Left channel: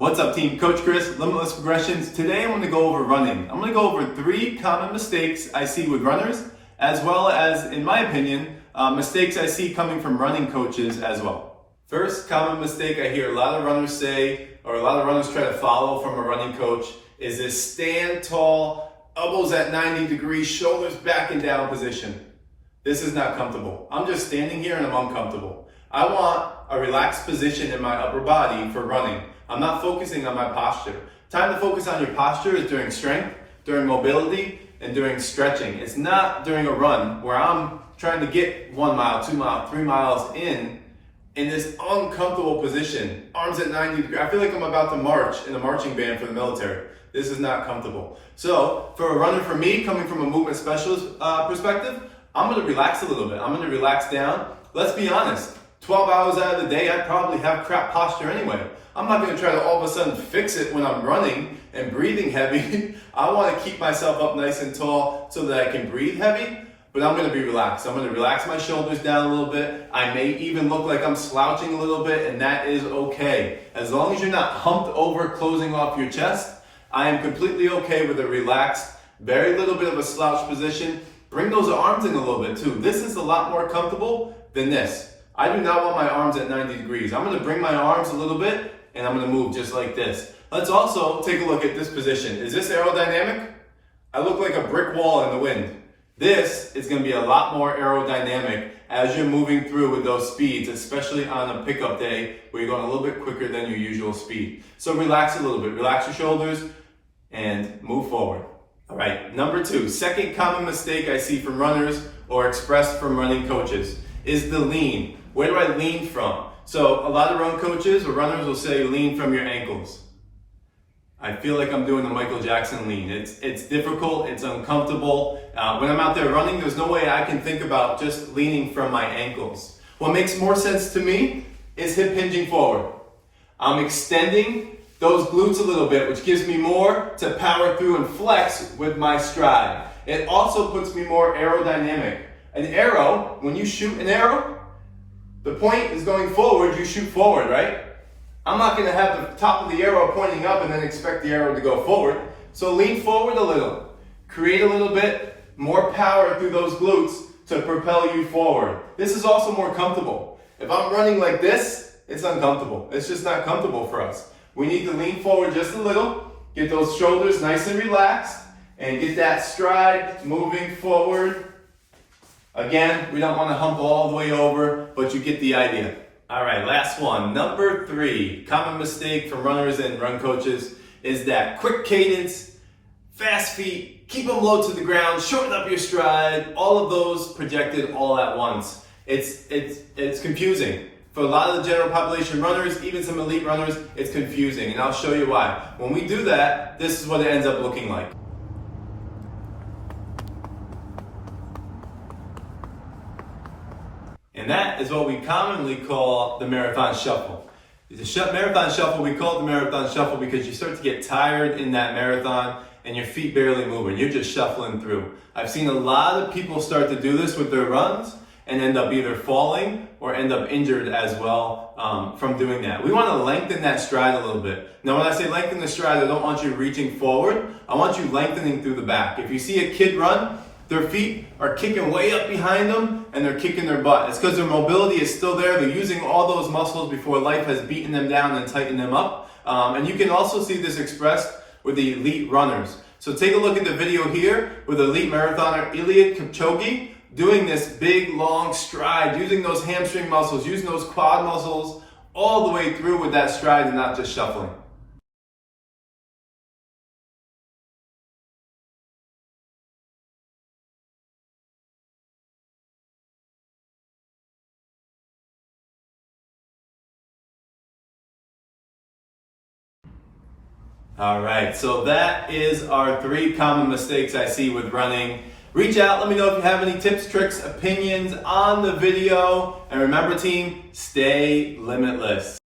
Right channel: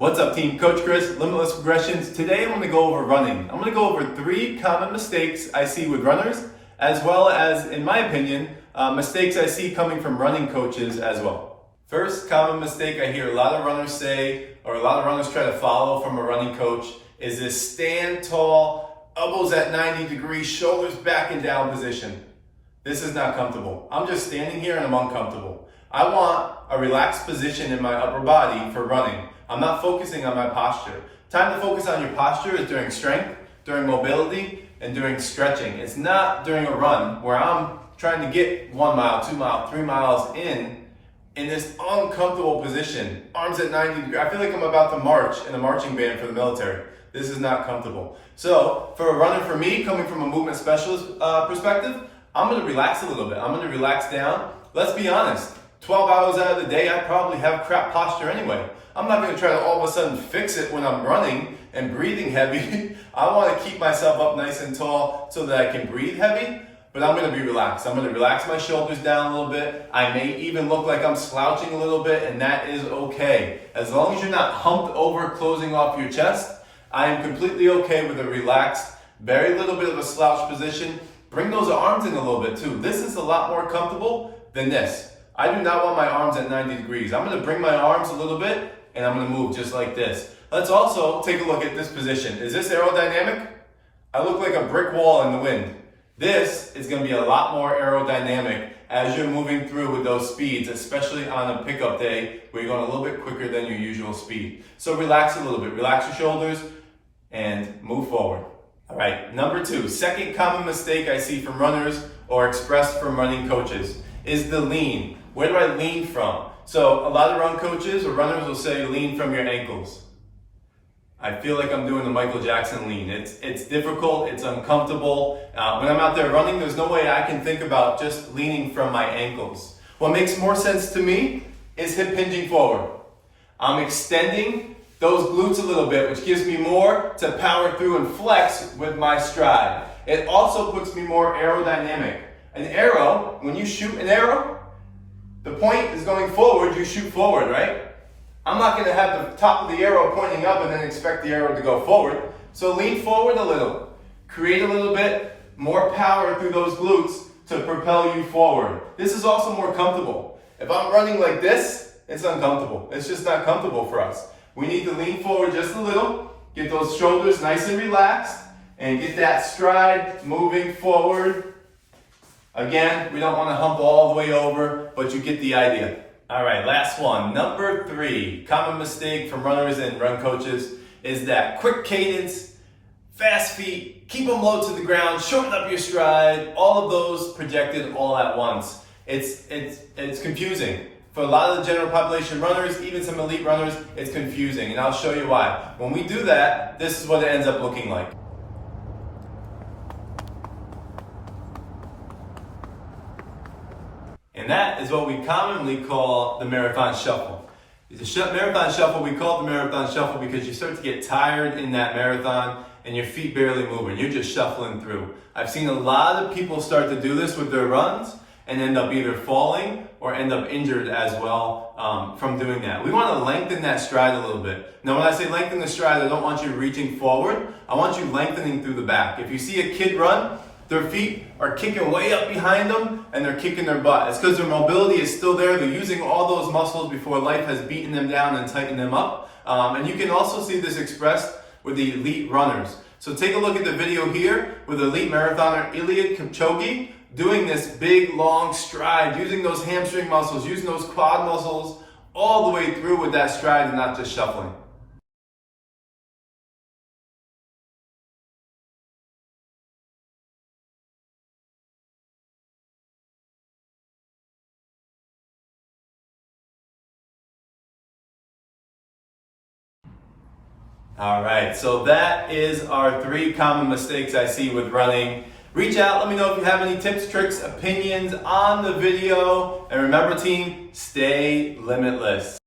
What's up team? Coach Chris, Limitless Progressions. Today I'm going to go over running. I'm going to go over 3 common mistakes I see with runners, as well as, in my opinion, mistakes I see coming from running coaches as well. First common mistake I hear a lot of runners say, or a lot of runners try to follow from a running coach, is this stand tall, elbows at 90 degrees, shoulders back and down position. This is not comfortable. I'm just standing here and I'm uncomfortable. I want a relaxed position in my upper body for running. I'm not focusing on my posture. Time to focus on your posture is during strength, during mobility, and during stretching. It's not during a run where I'm trying to get 1 mile, 2 miles, 3 miles in this uncomfortable position. Arms at 90 degrees. I feel like I'm about to march in a marching band for the military. This is not comfortable. So for a runner, for me, coming from a movement specialist perspective, I'm gonna relax a little bit. I'm gonna relax down. Let's be honest, 12 hours out of the day, I probably have crap posture anyway. I'm not gonna try to all of a sudden fix it when I'm running and breathing heavy. I wanna keep myself up nice and tall so that I can breathe heavy, but I'm gonna be relaxed. I'm gonna relax my shoulders down a little bit. I may even look like I'm slouching a little bit, and that is okay. As long as you're not humped over, closing off your chest, I am completely okay with a relaxed, very little bit of a slouch position. Bring those arms in a little bit too. This is a lot more comfortable than this. I do not want my arms at 90 degrees. I'm gonna bring my arms a little bit and I'm gonna move just like this. Let's also take a look at this position. Is this aerodynamic? I look like a brick wall in the wind. This is gonna be a lot more aerodynamic as you're moving through with those speeds, especially on a pickup day where you're going a little bit quicker than your usual speed. So relax a little bit, relax your shoulders and move forward. All right, number 2, second common mistake I see from runners or expressed from running coaches is the lean. Where do I lean from? So a lot of run coaches or runners will say lean from your ankles. I feel like I'm doing the Michael Jackson lean. It's difficult, it's uncomfortable. When I'm out there running, there's no way I can think about just leaning from my ankles. What makes more sense to me is hip hinging forward. I'm extending those glutes a little bit, which gives me more to power through and flex with my stride. It also puts me more aerodynamic. An arrow, when you shoot an arrow, the point is going forward, you shoot forward, right? I'm not gonna have the top of the arrow pointing up and then expect the arrow to go forward. So lean forward a little. Create a little bit more power through those glutes to propel you forward. This is also more comfortable. If I'm running like this, it's uncomfortable. It's just not comfortable for us. We need to lean forward just a little, get those shoulders nice and relaxed, and get that stride moving forward. Again, we don't want to hump all the way over, but you get the idea. All right, last one. Number 3, common mistake from runners and run coaches is that quick cadence, fast feet, keep them low to the ground, shorten up your stride, all of those projected all at once. It's confusing. For a lot of the general population runners, even some elite runners, it's confusing, and I'll show you why. When we do that, this is what it ends up looking like. And that is what we commonly call the marathon shuffle. Marathon shuffle, we call it the marathon shuffle because you start to get tired in that marathon and your feet barely move and you're just shuffling through. I've seen a lot of people start to do this with their runs and end up either falling or end up injured as well from doing that. We want to lengthen that stride a little bit. Now when I say lengthen the stride, I don't want you reaching forward. I want you lengthening through the back. If you see a kid run, their feet are kicking way up behind them and they're kicking their butt. It's because their mobility is still there. They're using all those muscles before life has beaten them down and tightened them up. And you can also see this expressed with the elite runners. So take a look at the video here with elite marathoner Eliud Kipchoge doing this big long stride, using those hamstring muscles, using those quad muscles all the way through with that stride and not just shuffling. All right, so that is our 3 common mistakes I see with running. Reach out, let me know if you have any tips, tricks, opinions on the video. And remember team, stay limitless.